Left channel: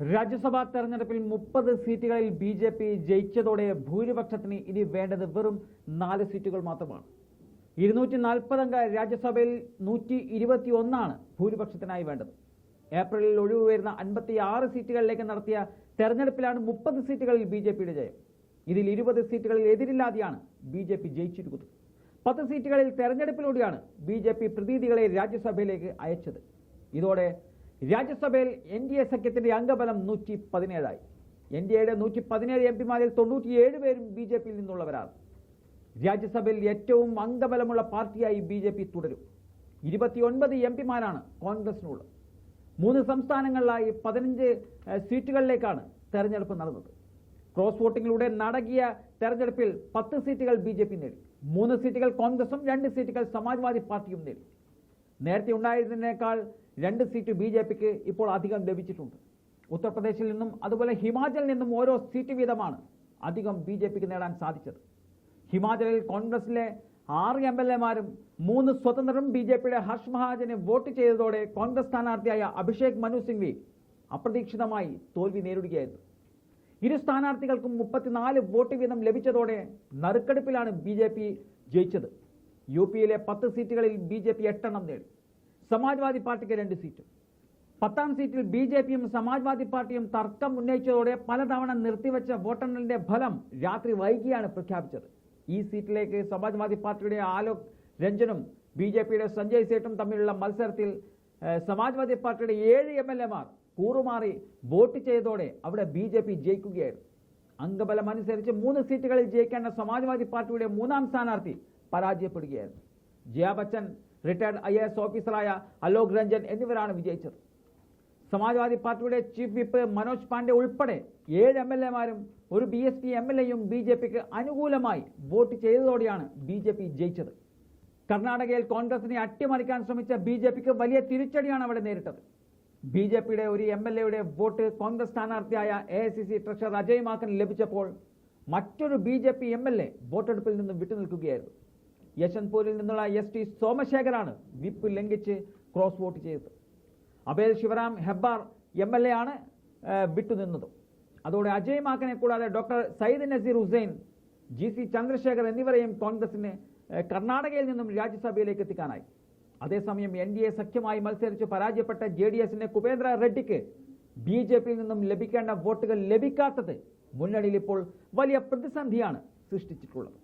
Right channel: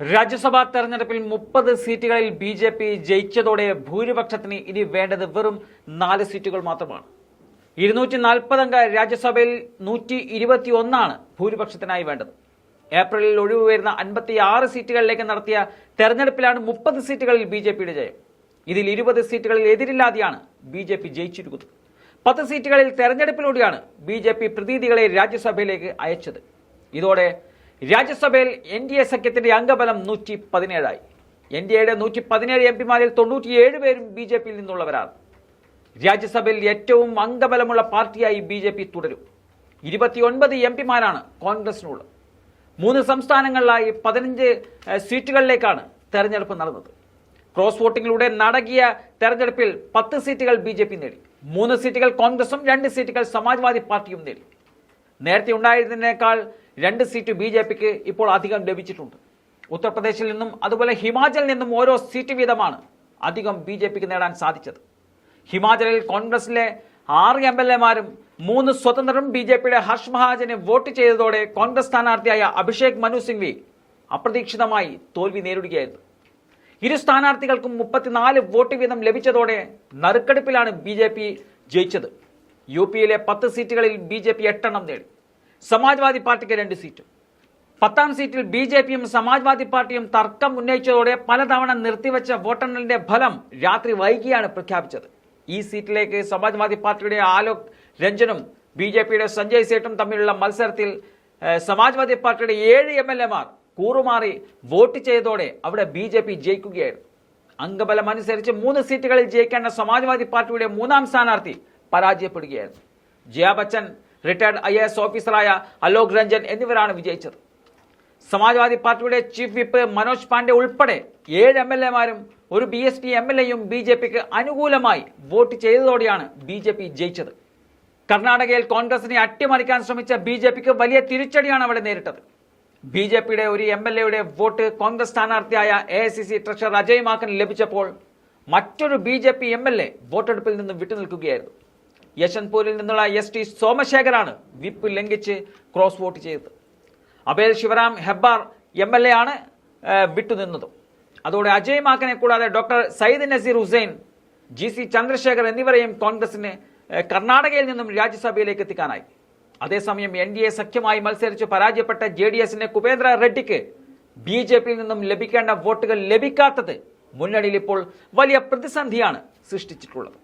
രാജ്യസഭാ തെരഞ്ഞെടുപ്പിൽ 30 സീറ്റുകളിൽ BJP ജയിച്ചതോടെ ഭൂരിപക്ഷത്തിന് ഇനി വേണ്ടത് വെറും 4 സീറ്റുകൾ മാത്രമാണ്. 240 അംഗ രാജ്യസഭയിൽ 121 ഭൂരിപക്ഷത്തിനായി വേണ്ടത്. ഏപ്രിലിൽ ഒഴിവ് വരുന്ന 56 സീറ്റുകളിലേക്ക് നടത്തിയ തെരഞ്ഞെടുപ്പിലാണ് 30 സീറ്റുകളിൽ BJPയുടെ ജയം. ഇതിൽ 20 സീറ്റുകളിൽ എതിരില്ലാതെയാണ് BJP ജയിച്ചിരിക്കുന്നത്. 10 സീറ്റുകളിൽ തെരഞ്ഞെടുപ്പിലൂടെയാണ് BJP പ്രതിനിധികളെ രാജ്യസഭയിലേക്ക് അയച്ചത്. ഇതോടെ രാജ്യസഭയിൽ NDA സഖ്യത്തിന്റെ അംഗബലം 117 NDAയുടെ 117 എംപിമാരിൽ 97 പേരും BJPയിൽ നിന്നുള്ളവരാണ്. രാജ്യസഭയിൽ ഏറ്റവും അംഗബലമുള്ള പാർട്ടിയായി BJP തുടരും. 29 എംപിമാരാണ് കോൺഗ്രസിനുള്ളത്. 3 സംസ്ഥാനങ്ങളിലായി 15 സീറ്റുകളിലേക്കാണ് തെരഞ്ഞെടുപ്പ് നടന്നത്. ക്രോസ് വോട്ടിങ്ങിലൂടെ നടക്കിയ തെരഞ്ഞെടുപ്പിൽ 10 സീറ്റുകൾ BJP നേടി. 3 സീറ്റുകൾ കോൺഗ്രസും 2 സീറ്റുകൾ സമാജ്വാദി പാർട്ടിയും നേടി. നേരത്തെ ഉണ്ടായിരുന്നതിനേക്കാൾ 2 സീറ്റ് BJPക്ക് ഇപ്പോൾ അധികം ലഭിച്ചിട്ടുണ്ട്. ഉത്തർപ്രദേശിൽ നിന്നും അതുപോലെ ഹിമാചലിൽ നിന്നും ഓരോ സീറ്റ് വീതമാണ് അധികം BJPക്ക് നേടാൻ സാധിച്ചത്. ഹിമാചലിൽ കോൺഗ്രസിലെ 6 MLAമാരും 3 സ്വതന്ത്രരും BJPയുടെ ഹർഷ് മഹാജനെ വോട്ട് ചെയ്തതോടെ കോൺഗ്രസ് സ്ഥാനാർത്ഥിയായ അഭിഷേക് മനു സിംഗ്വി അപ്രതീക്ഷിതമായി തോൽവി നേരിടുകയായിരുന്നു. ഇരു സ്ഥാനാർത്ഥികൾക്കും 34 വോട്ട് വീതം ലഭിച്ചതോടെ നറുക്കെടുപ്പിലാണ് BJP ജയിച്ചത്. UPയിലെ 10 സീറ്റുകളിൽ BJP 8 നേടി. സമാജ്വാദി പാർട്ടിക്ക് 2 സീറ്റും. 10ാം സീറ്റിൽ BJPയും സമാജ്വാദി പാർട്ടിയും തർക്കം ഉന്നയിച്ചതോടെ പലതവണ നിർത്തിവെച്ച വോട്ടെണ്ണലിന്റെ ഫലം രാത്രി വൈകിയാണ് പ്രഖ്യാപിച്ചത്. ഈ സീറ്റിലേക്ക് സമാജ്വാദി പാർട്ടിയുടെ ആലോക് രഞ്ജനും BJPയുടെ സഞ്ജയ് സേട്ടും തമ്മിലുള്ള മത്സരത്തിൽ സമാജ്വാദി പാർട്ടിയുടെ 7 MLAമാർ കൂറുമാറി വോട്ട് ചെയ്തതോടെ അവിടെ BJP ജയിക്കുകയായിരുന്നു. അംഗബലം അനുസരിച്ച് 3 സീറ്റുകളിൽ ജയിക്കേണ്ട സമാജ്വാദി പാർട്ടിയുടെ 3ാം സ്ഥാനാർത്ഥി പരാജയപ്പെടുകയായിരുന്നു. ജയ ബച്ചൻ, റിട്ടയർഡ് IAS ഓഫീസറായ അലോക് രഞ്ജൻ എന്നിവരാണ് വിജയിച്ചത്. സമാജ്വാദി പാർട്ടിയുടെ ചീഫ് വിപ്പ് മനോജ് പാണ്ഡെ ഉൾപ്പെടെ 7 MLAമാരും ഒരു BSP MLAയും BJPക്ക് അനുകൂലമായി വോട്ട് ചെയ്തതോടെയാണ് BJP ജയിച്ചത്. കർണാടകയിൽ കോൺഗ്രസിനെ അട്ടിമറിക്കാൻ ശ്രമിച്ച BJPക്ക് വലിയ തിരിച്ചടിയാണ് അവിടെ നേരിട്ടത്. BJPയുടെ ഒരു MLAയുടെ വോട്ട് കോൺഗ്രസ് സ്ഥാനാർത്ഥിയായ AICC ട്രഷറർ അജയ് മാക്കന് ലഭിച്ചപ്പോൾ മറ്റൊരു BJP MLA വോട്ടെടുപ്പിൽ നിന്നും വിട്ടുനിൽക്കുകയായിരുന്നു. യശ്വന്ത്പൂരിൽ നിന്നുള്ള ST സോമശേഖറാണ് വിപ്പ് ലംഘിച്ച് ക്രോസ് വോട്ട് ചെയ്തത്. അബേൽ ശിവറാം ഹെബ്ബാർ MLA ആണ് വിട്ടുനിന്നതും. അതോടെ അജയ് മാക്കനെ കൂടാതെ ഡോക്ടർ സയ്യിദ് നസീർ ഹുസൈൻ, GC ചന്ദ്രശേഖർ എന്നിവരെയും കോൺഗ്രസിന് കർണാടകയിൽ നിന്നും രാജ്യസഭയിലേക്ക് എത്തിക്കാനായി. അതേസമയം NDA സഖ്യമായി മത്സരിച്ച് പരാജയപ്പെട്ട JDSന്റെ കുപേന്ദ്ര റെഡ്ഡിക്ക് BJPയിൽ നിന്നും ലഭിക്കേണ്ട വോട്ടുകൾ ലഭിക്കാത്തത് മുന്നണിയിൽ ഇപ്പോൾ വലിയ പ്രതിസന്ധിയാണ് സൃഷ്ടിച്ചിട്ടുള്ളത്.